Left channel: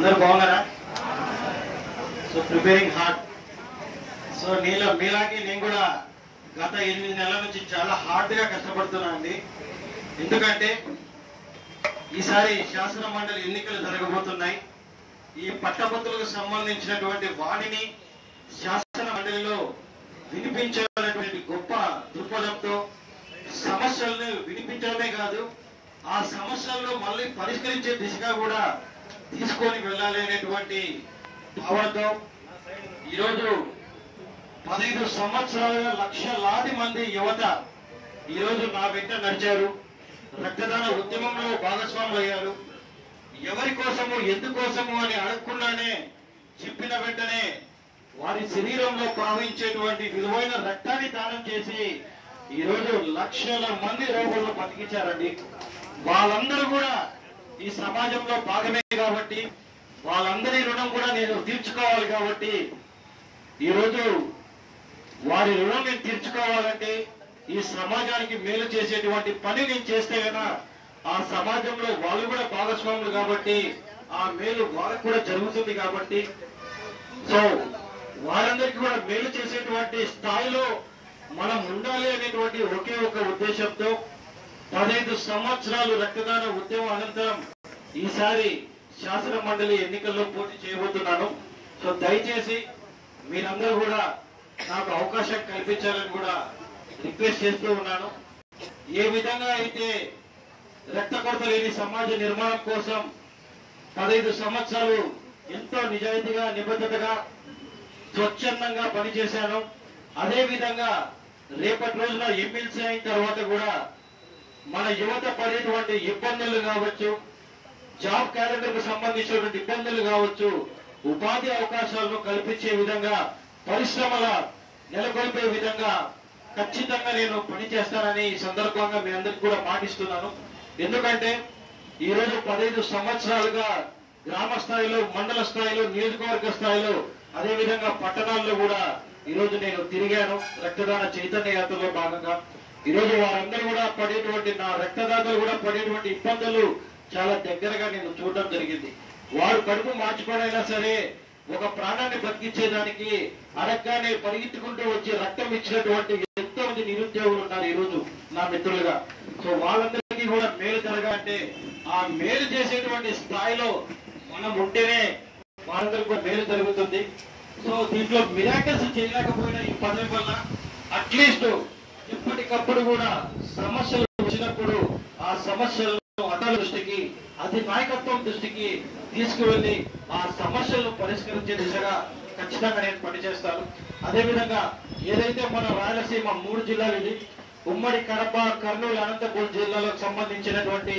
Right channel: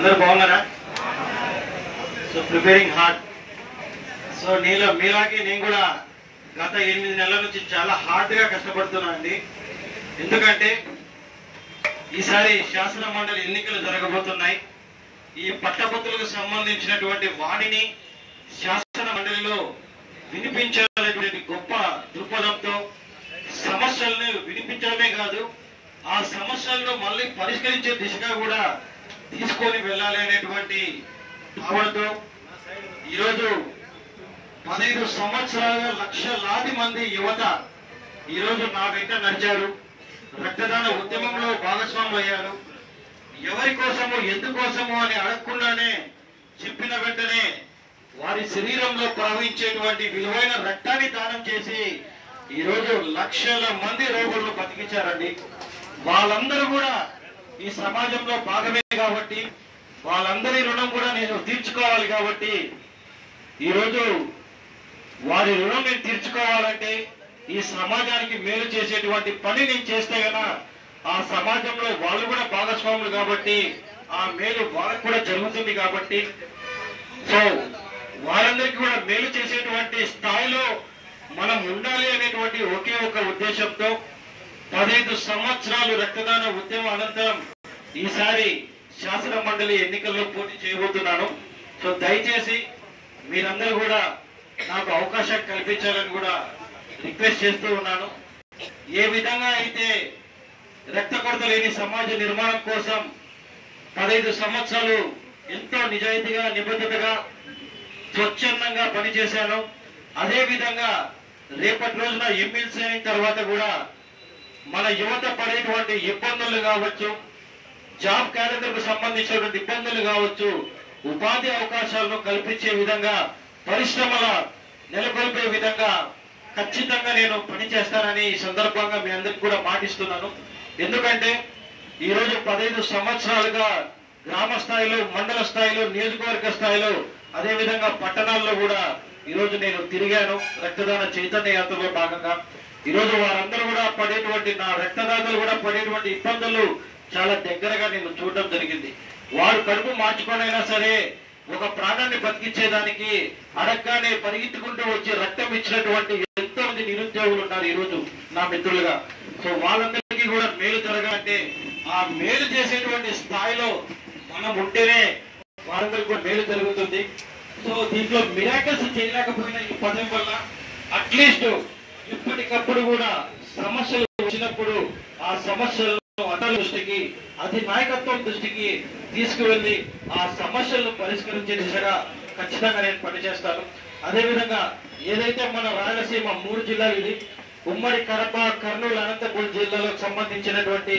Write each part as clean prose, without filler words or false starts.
అందరూ బాగున్నారా? So preparing hard. So మీలాగే నేను కూడా గత 8 నెలల నుంచి చాలా హార్డ్ గా కష్టపడుతున్నా అండి. ఎందుకంటే ఈసారి శాసన మండలి ఎన్నికలు జరగబోతున్నాయి. ఈ పట్టభద్రులకు సంబంధించినటువంటి వాణిని శాసన మండలిలో వినిపించాలనేటువంటి గొప్ప దృక్పథంతో సమస్యలను వినిపించడమే కాదు, ఆ సమస్యలను మళ్ళీ పరిష్కరించే దిశగా కూడా తీసుకొని వెళ్ళాలి అనేటువంటి భావనతో ఈరోజు 15 సంవత్సరాలుగా లక్షలాది మంది యువత ఈరోజు నా వెంట నడిచారు. రక్తదాన ఉద్యమంలో భాగస్వాములు అయ్యారు. ఎవరి కోసము ఎందుకోసము అని అడగకుండానే చెప్పిన వెంటనే వారి శరీరంలో ప్రవహించేటువంటి విలువైన రక్తాన్ని దానం చేసి ఈరోజు లక్షల మంది రోగులను బతికించారండి. వాళ్ళందరూ కూడా ఈ సమాజంలో భాగమే కాబట్టి వాళ్ళందరి రుణం కూడా నేను తీర్చుకోవాలి. కాబట్టి ఈరోజు వారి రుణం నేను తీర్చుకోవాలంటే ఈ సమాజానికి మేలు చేసేటువంటి పని నేను చేస్తే గనా ఆ సమాజంలో వాళ్ళు కూడా భాగస్వాములు కాబట్టి ఆ మేలు వాళ్ళకు కూడా జరుగుతుంది. కాబట్టి సో వారందరికీ కూడా మేలు చేసేటువంటి స్థాయిలో మనం ఉండాలి అనేటువంటి ఒకే ఒక ఉద్దేశంతో 15 సంవత్సరాలు రక్తదాన ఉద్యమం అనంతరం ఈసారి శాసన మండలి ఎన్నికల్లో పోటీ చేయబోతున్నాను. సో దయచేసి మీరందరూ కూడా నాకు అవకాశం కల్పించాలని కూడా రిక్వెస్ట్ చేస్తూ ఉన్నాను. ఏ విధంగా అయితే రక్త కొరత లేని సమాజ నిర్మాణం కోసం 15 సంవత్సరాలు ఎంతో నిజాయితీగా నిబద్ధతగా స్వచ్ఛందంగా పనిచేశాను, అదే విధంగా రేపటి రోజున ఎమ్మెల్సీ అయిన తర్వాత కూడా మన యువత పడేటువంటి ఇబ్బందులు కావచ్చు, జాబ్ క్యాలెండర్ కు సంబంధించినటువంటి ఇబ్బందులు కావచ్చు, ఉపాధి అవకాశాలను కల్పించే విధంగా పరిశ్రమల నెలకొల్పే విధంగా ఖచ్చితంగా నేను పనిచేస్తానని ఈ సందర్భంగా మీ అందరికీ కూడా మాటిస్తున్నాను. ఎందుకంటే ఈరోజు 15 సంవత్సరాలుగా గ్రామ స్థాయిలో, మండల స్థాయిలో, నియోజకవర్గ స్థాయిలో, అదే విధంగా పట్టణాల్లో కూడా ఈరోజు నేను తిరిగాను రక్తదాన చైతన్య యాత్రలో భాగంగా. ఈరోజు వారందరూ కూడా పడేటువంటి, నా రక్తదాతలు కూడా పడేటువంటి ఇబ్బందులు చాలా దగ్గరగా నేను చూడడం జరిగింది. వారు కడుపు మార్చుకోనైనా సరే ఒక ప్రాణాన్ని బతికించేదానికి అడగ్గానే పరిగెత్తుకుంటూ వచ్చి రక్తం ఇచ్చినటువంటి ఎంతో మంది నిరుద్యోగులు ఉన్నారు ఈరోజు నా మిత్రులుగా. సో వాళ్ళందరికీ కూడా మేలు జరగాలంటే ఆ మేలు చేసేటువంటి స్థాయిలో మనం ఉంటేనే వాళ్ళందరికీ కూడా మేలు జరుగుతుంది. సో దీంట్లో మిరాకిల్స్ చేయలేకపోయినా ఈ పదవి వల్ల అట్లీస్ట్ ఎప్పటికప్పుడు కూడా సమస్యలు వచ్చినప్పుడు ఆ సమస్యలను అధికారుల దృష్టికి, నాయకత్వం దృష్టికి తీసుకువెళ్లి ఆ సమస్యలను పరిష్కరించే దిశగా ఖచ్చితంగా నేను పనిచేస్తాను. అదేవిధంగా ఏదైతే మన రాయలసీమ 3 జిల్లాలు, ఇది ఉమ్మడి కడప, కర్నూలు, అనంతపురం జిల్లాలకు సంబంధించినటువంటి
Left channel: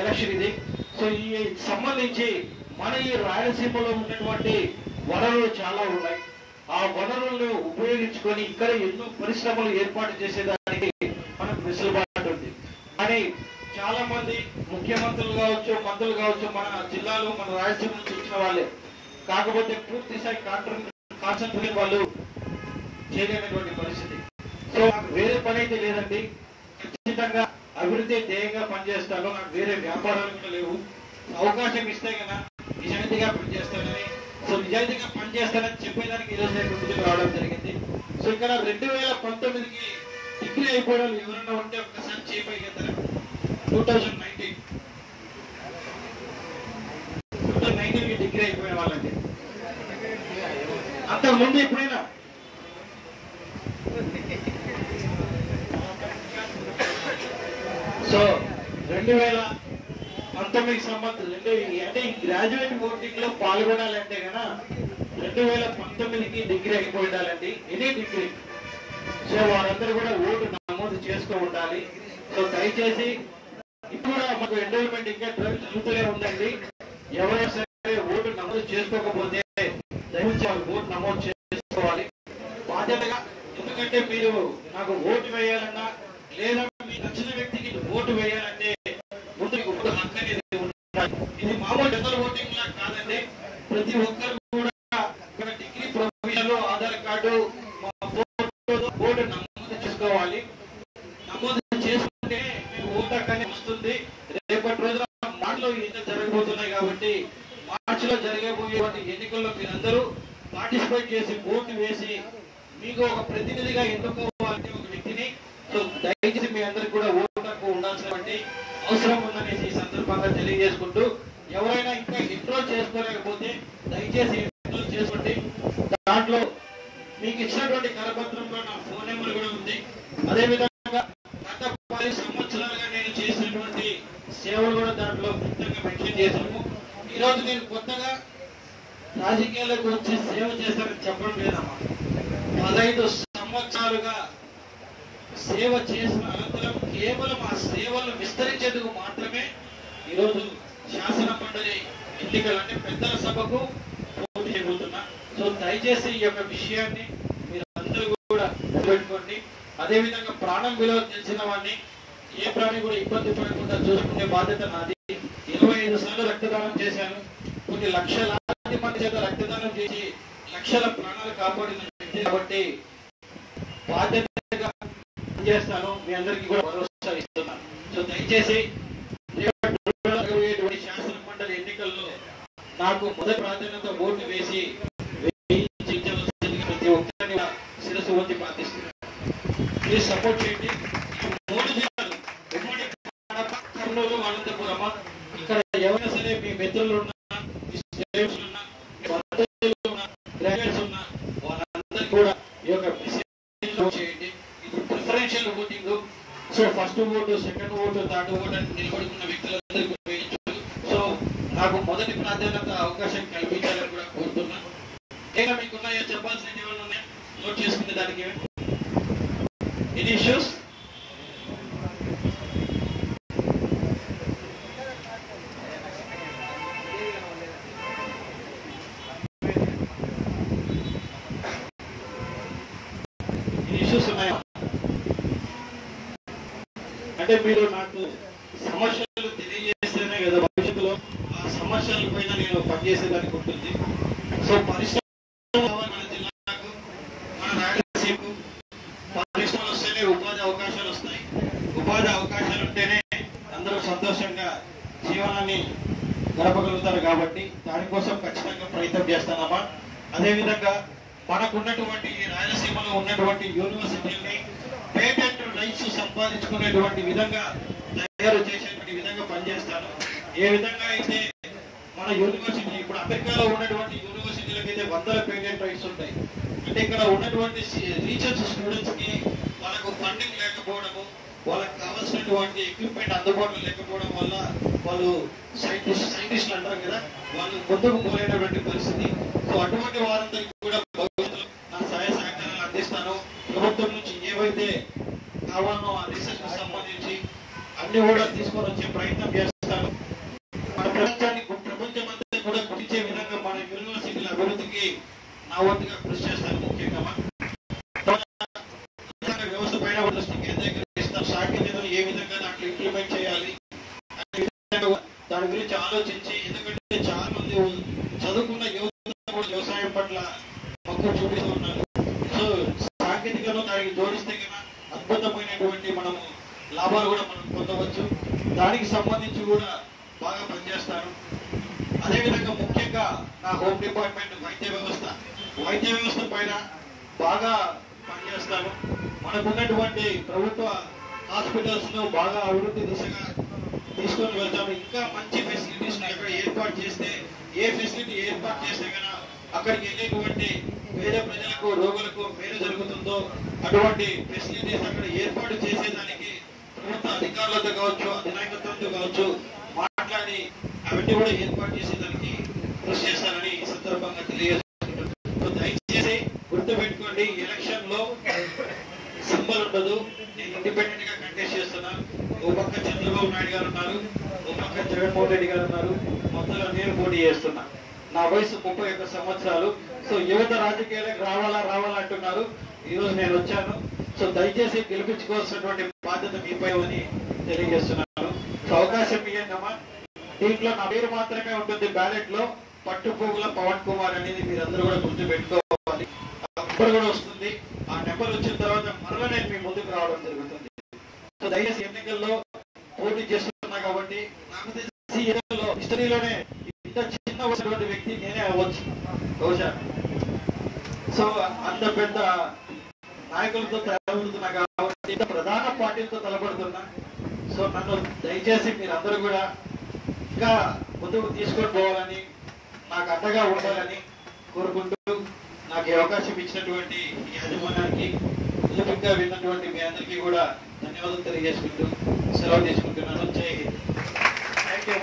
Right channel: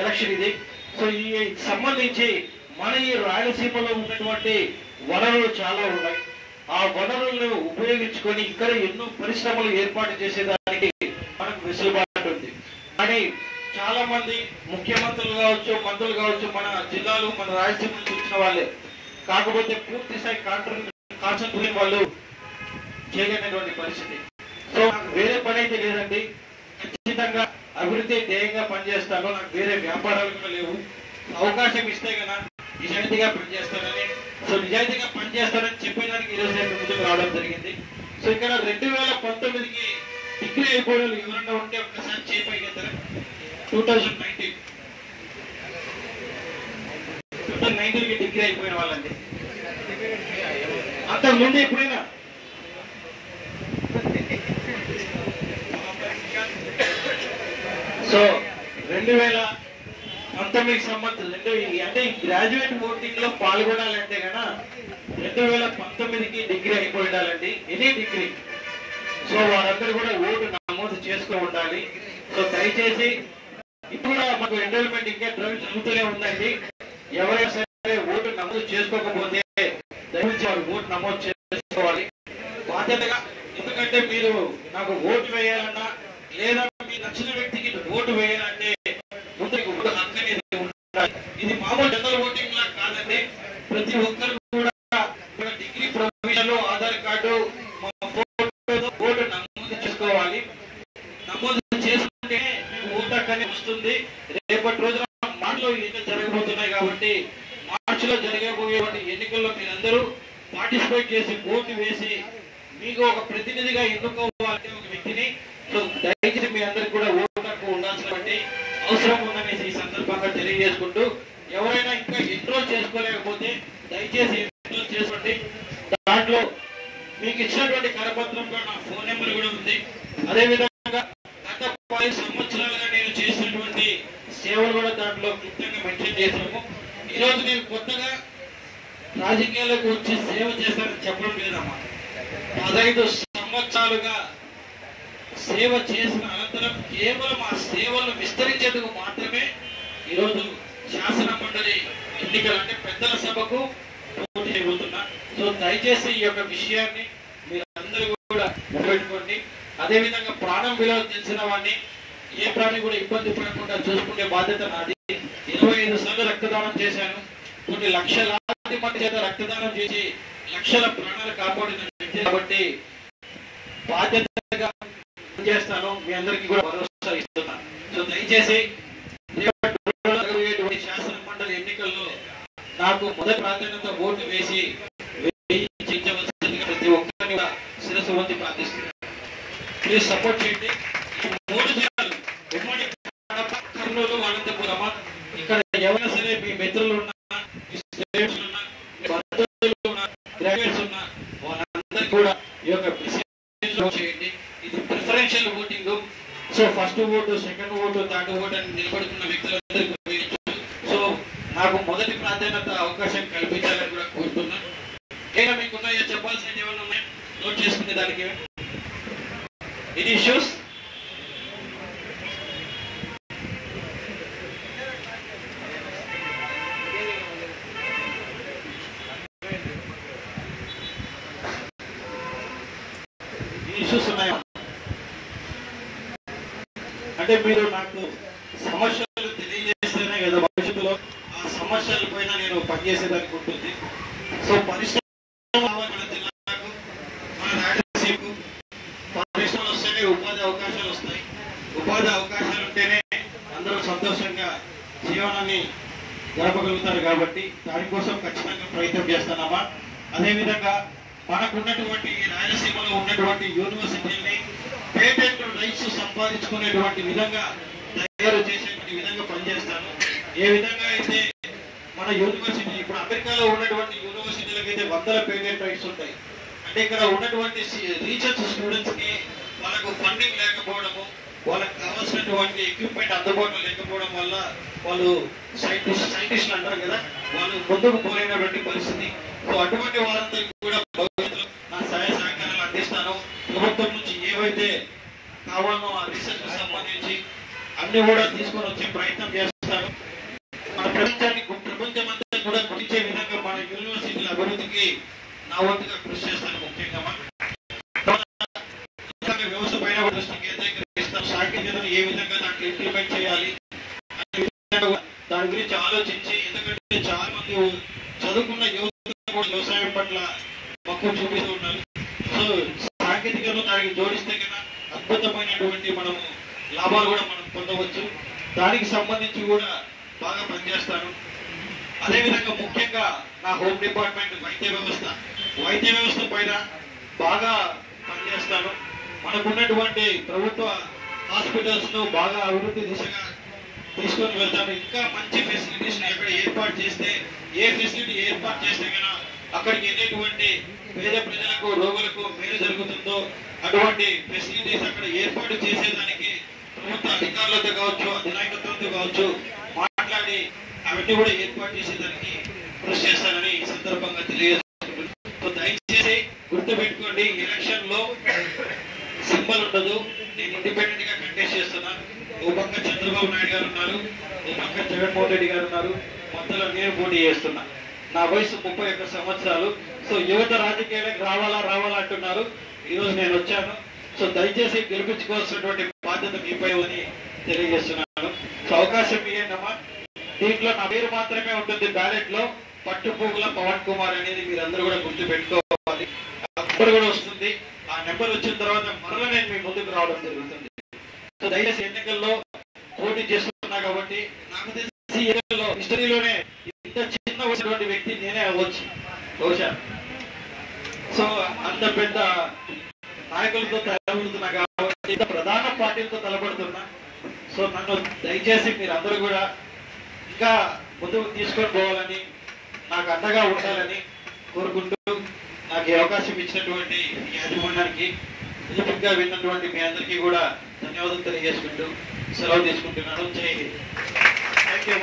ఎలక్షన్ ఇది. సో ఈ సంబంధించి మన ఈ రాయలసీమలో ఉన్నటువంటి వనరులు చాలా ఉన్నాయి. ఆ వనరులను ఉపయోగించుకొని ఇక్కడ ఎన్నో పరిశ్రమలు ఏర్పాటు చేసేదానికి మనకు వెసులుబాటు ఉంది. కానీ చాలా మంది ముఖ్యమంత్రులు కావచ్చు, మంత్రులు కావచ్చు, మన జిల్లాలు, మన రాయలసీమ నుంచి వచ్చిన వాళ్ళే, కాకపోతే పూర్తి స్థాయి కాన్సెంట్రేట్ వాళ్ళు చేయలేనటువంటి పరిస్థితి. సో నాకు వేరే పని అయితే లేదండి, ఖచ్చితంగా అభివృద్ధి ధ్యేయంగా పనిచేస్తాను. నాకు వేరే వ్యాపారాలు కూడా లేవు. అవకాశం ఇస్తే కదా నిజాయితీగా పనిచేస్తానని, సో నిజాయితీగా పనిచేస్తానని చెప్పేదానికి ఈరోజు నేను ముందుకు రావడం జరిగింది. సో ఇక్కడ 2019కి డిగ్రీ అయిపోవడం ఎవరన్నా ఉంటే ఒక్కసారి చేపైగెత్తారు. 2019కి డిగ్రీ అయిపోయిన వాళ్ళండి. అంతకుముందు ఎప్పుడైనా సో 2019 సంవత్సరం అంటే ఈ గ్రాడ్యుయేట్ ఓటింగ్ లో పాల్గొనాలంటే కన్నా 2019కి డిగ్రీ అయిపోయి ఉండాలండి, ఎనీ డిగ్రీ. సో వారందరూ కూడా ఓటు నమోదు చేసుకో ఉండాలి. సో దయచేసి ఇప్పుడు మాకు ఎన్రోల్మెంట్ ఇంకా జరుగుతూనే ఉందండి. ఎవరైనా సరే ఓటు నమోదు చేసుకోకపోతే దయచేసి వాళ్ళు ఓటు నమోదు చేసుకోవాలి బాధ్యతగా. ఎందుకంటే మీరు నాకు ఓటు వేయాలన్నా లేదా మీకు నచ్చిన వ్యక్తికి ఓటు వేయాలంటే ముందు ఓటు హక్కు అనేది ఉండాలి. ఇది మామూలు జనరల్ ఓటింగ్ లా కాదండి. ప్రతి ఒక్కరు కూడా degree, provision, Aadhaar card, vote నమోదు చేసుకోవాలి. నమోదు చేసుకుంటే ఓటు హక్కు అనేది వస్తుంది. రేపటి రోజున మాటలో జరగబోతున్నాయి కాబట్టి మాట మార్చిలో జరగబోయేటువంటి ఎన్నికల్లో మీరందరూ పార్టిసిపేట్ చేసి ఓటు వేసి మీకు ఒక ప్రతినిధిగా ఎన్నుకోవాలంటే ఒక వ్యక్తిని. సో దయచేసి మీ అందరికి కూడా ఓటు హక్కు ఉండాల్సినటువంటి అవసరం ఉందనేసి ఈ సందర్భంగా తెలియజేసుకుంటూ, ఎవరైనా ఇంకా ఎన్రోల్ చేసుకోలేకపోతే దయచేసి ఎన్రోల్ చేసుకోండి. దాంట్లో మీకు ఇచ్చినటువంటి కరపత్రంలో నా ఫోన్ నెంబర్ కూడా ఉంది. అదేవిధంగా గత 10 సంవత్సరాలుగా నేను చేసినటువంటి సేవలు కూడా దాంట్లో క్లుప్తంగా మెన్షన్ చేశాము. ఈరోజు నేను కొత్తగా రాజకీయాలకు వచ్చి సేవ చేస్తానని చెప్పడం లేదమ్మా. 15 సంవత్సరాలుగా సేవ చేసిన అనంతరం కేవలం ఆ సేవలను విస్తరించేందుకు మాత్రమే ఈరోజు శాసన మండలి ఎన్నికలు అంటే పెద్దల సభకు పోటీ చేయబోతున్నా. సో దయచేసి ఈ యొక్క విషయాన్ని మీరందరూ కూడా పెట్టుకోండి. అదేవిధంగా ప్రాణం విలువ తెలిసిన వాడిని ఏ ప్రాణి కూడా ఇబ్బంది పడకుండా చూసుకునే బాధ్యత నాది. 25 సార్లు రక్తదానం చేశాను. కొన్ని లక్షలాది మంది చేత రక్తదానం చేసి లక్షల ప్రాణాలు కాపాడిన వ్యక్తి కాబట్టి బాధ్యతగా చేస్తాను. మీ అందరికీ కూడా భరోసా ఇస్తున్నాను. సో దయచేసి శాసన మండలి ఎన్నికల్లో నాకు మొదటి ప్రాధాన్యత ఓటు వేసి ప్రతి ఒక్కరిని శిరస్సు వంచి ప్రార్థిస్తున్నాను. ప్లీజ్ సపోర్ట్ చేయండి. ఈ 3 జిల్లాలు ఉమ్మడి కర్నూలు, అనంతపురం, ఇక్కడ ఎవరైనా సరే మీ మిత్రులు ఉన్నా, మీ స్టూడెంట్స్ ఉన్నా, బంధువులు ఉన్నా, గ్రాడ్యుయేట్స్ ఉన్నా, వాళ్ళందరికీ కూడా ఈ యొక్క చేయండి. ఇది preferential voting. So first vote, second vote, third vote అని నిలబడుకున్న వ్యక్తులందరికీ వేయచ్చు. సో నాకు మొదటి ప్రాధాన్యత అవకాశం కల్పించాలని కూడా కోరుతున్నాను. ఏమైనా మీకున్నాయో చెప్పాల్సినవి ఏమైనా ఉన్నాయి నోట్ చేసుకునే దానికి ఎనీ ఇష్యూస్? ఇష్యూస్ ఉన్నాయా? అంటే మీరు నాకు సమస్యలు తెలియజేస్తేనే కదా భవిష్యత్తులో ఆ సమస్యల పైన నేను పనిచేసేదానికి ఉంటుంది. సో పరిశ్రమ మన జిల్లాకు, మన రాయలసీమకు పరిశ్రమలు వస్తేనే ఉపాధి అవకాశాలు వస్తాయి. ఉపాధి అవకాశాలు ఉంటేనే అందరూ సంతోషంగా జీవనాన్ని గడపగలుగుతారు. కాబట్టి దానికోసం ఖచ్చితంగా ప్రయత్నం చేస్తానమ్మా. అదేవిధంగా మనకున్నటువంటి రాయలసీమలో ఉన్నటువంటి యూనివర్సిటీని పేటెంట్ రైట్స్ సంపాదించుకునేటువంటి విధంగా తయారు చేసేటువంటి విధంగా పనిచేస్తాను. ఏ విధంగా అయితే మన యూనివర్సిటీ ఇప్పుడు అమెరికాలో ఉన్నటువంటి యూనివర్సిటీలకు అయితే 100 పేటెంట్ రైట్స్ ఉంటాయి. అంటే ఇక్కడ ఉన్నటువంటి రీసెర్చ్ స్టూడెంట్స్ కి వాళ్ళకు ఫండింగ్ లేకపోవడము, వాళ్ళకి కావాల్సినటువంటి ఎక్విప్మెంట్ అందుబాటులో లేకపోవడం వల్ల వాళ్ళు సైంటిస్టులు అంటారు కదా, వాళ్ళు ముందుకు పోలేనటువంటి పరిస్థితి. సో అటువంటి వారందరికీ కూడా భవిష్యత్తులో నా సహాయ సహకారాలు అందిస్తాను. ప్రభుత్వం నుంచి ఏవైతే కావాలో ఆ రీసెర్చ్ సంబంధించి అన్ని కూడా తీసుకొని వచ్చే ప్రయత్నం చేస్తాను. మన ప్రపంచమంతా కూడా గురించే విధంగా మన యూనివర్సిటీల అభివృద్ధికి నా వంతుగా కృషి చేస్తాను. ముఖ్యంగా వ్యవస్థ పైన దృష్టి కేంద్రీకరిస్తాం. సాంకేతికతను ఏ విధంగా దాంట్లో ఇంప్లిమెంట్ చేయాలి అనే విధంగా దాని గురించి ఆలోచించి, ఎందుకంటే చాలా మంది చదువుకున్న యువత కూడా వ్యవసాయం పట్ల మక్కువ చూపిస్తూ ఉన్నారు. సో సాంకేతికతను దానికి జోడిస్తే కన్నా అద్భుతమైనటువంటి మనము లాభాలు కూడా మనం పొందవచ్చు. దానికి సంబంధించి కూడా బాగా పనిచేస్తాను. అదేవిధంగా ముఖ్యంగా నా హోమ్ డిపార్ట్మెంట్ వైద్య వ్యవస్థ పైన బాగా పనిచేస్తాను. మనకున్నటువంటి ప్రభుత్వ హాస్పిటల్స్ ను బాగా అభివృద్ధి దిశగా తీసుకొని వెళ్తాను. ఇంకా మంచి ఫెసిలిటీస్ అక్కడ ఏర్పాటు చేస్తే, ఏ ఫెసిలిటీ ఏర్పాటు చేస్తే కన్నా అక్కడికి వెళ్ళేటువంటి పేద ప్రజలకు, రోగులకు మేలు జరుగుతుందో అటువంటి ఫెసిలిటీస్ అక్కడ ఏర్పాటు చేసేదానికి ప్రభుత్వ అధికారులతో కావచ్చు, అధినాయకత్వంతో కావచ్చు మాట్లాడి అవన్నీ కూడా ఏర్పాటు చేసేదానికి కృషి చేస్తానని ఈ సందర్భంగా తెలియజేస్తున్నాను. దయచేసి గుర్తుపెట్టుకోండి, ఎలక్షన్ లో సింబల్ ఉండదు. నేను ఇండిపెండెంట్ గా కంటెస్ట్ చేస్తున్నాను. ఓ పక్క చంద్రబాబు నాయుడు గారు ఉన్నారు, ఓ పక్క జగన్మోహన్ రెడ్డి గారు ఉన్నారు, మధ్యలో నేను పోటీ చేస్తున్నా. నా వయసు 31 సంవత్సరాలు. సో యువత రాజకీయాలకు రావాలా అంటున్నారు. ఈరోజు నేను వచ్చాను. సో దయచేసి గెలిపించుకోవాల్సినటువంటి బాధ్యత మీపై అని తెలియజేస్తున్నాను. సో అవకాశం ఇవ్వండమ్మా. దీంట్లో నా పేరు మాత్రమే ఉంటుంది బ్యాలెట్ లో. పట్టుపువ్వుల పవన్ కుమార్ అనేది మీరందరూ కూడా గుర్తు పెట్టుకోవాలి. నెంబర్ కూడా వస్తుంది. ఆ నెంబర్ వచ్చిన తర్వాత మరలా నేను మీ ముందుకు రావడం జరుగుతుంది. సో దయచేసి ఎన్నికల్లో పోటీ చేస్తున్నా కాబట్టి నాకు తెలిసి ఎన్నికల్లో హిస్టరీలోనే ఇంత ఇంత చిన్న ఉన్నటువంటి వ్యక్తి నేనే అవ్వచ్చు బహుశా. సో అంత పెద్ద నాయకులతో తలపడుతున్నా కాబట్టి, ఇంత ప్రధాన పార్టీలతో తలపడుతున్నా. సో నన్ను దయచేసి మీరు అందరూ కూడా ఇంకా ముందుకు తీసుకొని పోవాలని, నాకు అండగా ఉండాలని కోరుకుంటూ, నాకు ఈ అవకాశం ఇచ్చినటువంటి యాజమాన్యానికి, ఎదురుగా విన్నటువంటి మీ అందరికీ కూడా ధన్యవాదాలు తెలియజేసుకుంటూ సెలవు తీసుకుంటున్నాను. జై హింద్. Thank you.